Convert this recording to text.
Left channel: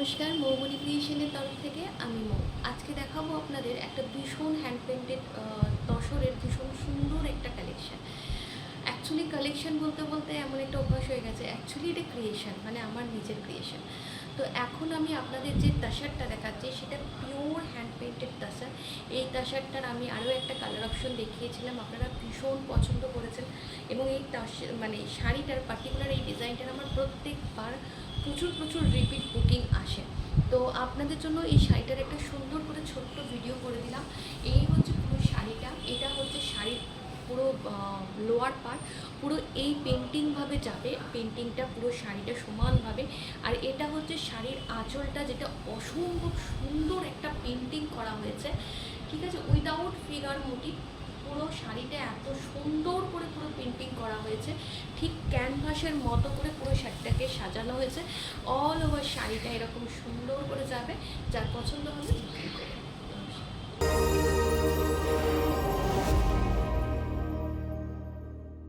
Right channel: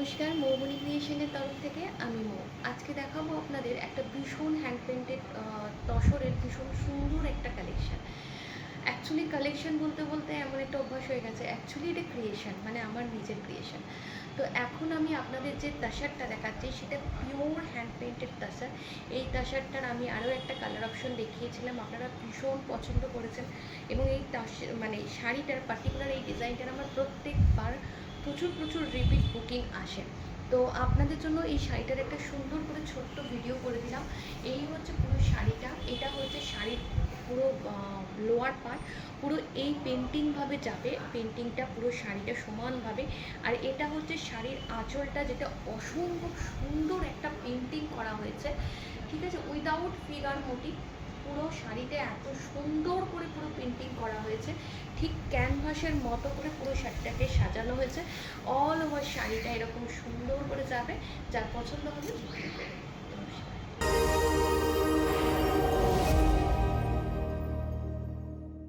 নমস্কার, মৌবনী ক্রিয়েশনের তরফ থেকে আমি মৌ। আজকে দেখাবো আপনাদের একটা ভীষণ হ্যান্ড পেন্টেড তসরের ভীষণ সুন্দর একটা কালেকশান। অ্যাকচুয়ালি কালেকশান বলতে বলতে এমন একটা অভ্যাস হয়ে গেছে, অ্যাকচুয়ালি এটা ক্রিয়েশান, মানে আমার নিজের ক্রিয়েশান। তো এখন আমি আপনাদের যে তাসারটা দেখাচ্ছি সেটা পিওর হ্যান্ড পেন্টেড তাসার। এই তাসারটার আমি আরও একটা কালার অপশন দেখিয়েছিলাম, আপনারা ভীষণ পছন্দ করেছেন। এবং এই মানে শাড়িটার পার্টিকুলার এই ডিজাইনটার আমার প্রত্যেকবার প্রচুর রিপিট বুকিং আসে। তো আপনাদের জন্য এই শাড়িটার একটা সুন্দর করে ছোট্ট ভিডিও করে দিলাম। এই হচ্ছে পুরো শাড়িটা, এটা হচ্ছে শাড়ির পুরো লোয়ার পার্ট, পুরো এই পেন্টিংভাবে যাবে, পেন্টিংটা পুরো শাড়িটা সমানভাবে। আর এটা হচ্ছে শাড়ির আঁচলটা, যেটা অসম্ভব সুন্দর একটা পেন্টিং করা হয়েছে, ঠিক আছে, উইদাউট ফিগার মোটিভ। পুরো শাড়িটা এত সুন্দর করে পুরো পেন্টিং করা হয়েছে, ঠিক ক্যানভাসের মতো করে পুরো শাড়িটাকে সাজানো হয়েছে। অল ওভার শাড়িটা এরকম সুন্দর করে যাবে, যার পছন্দ হবে বুকিং করবে।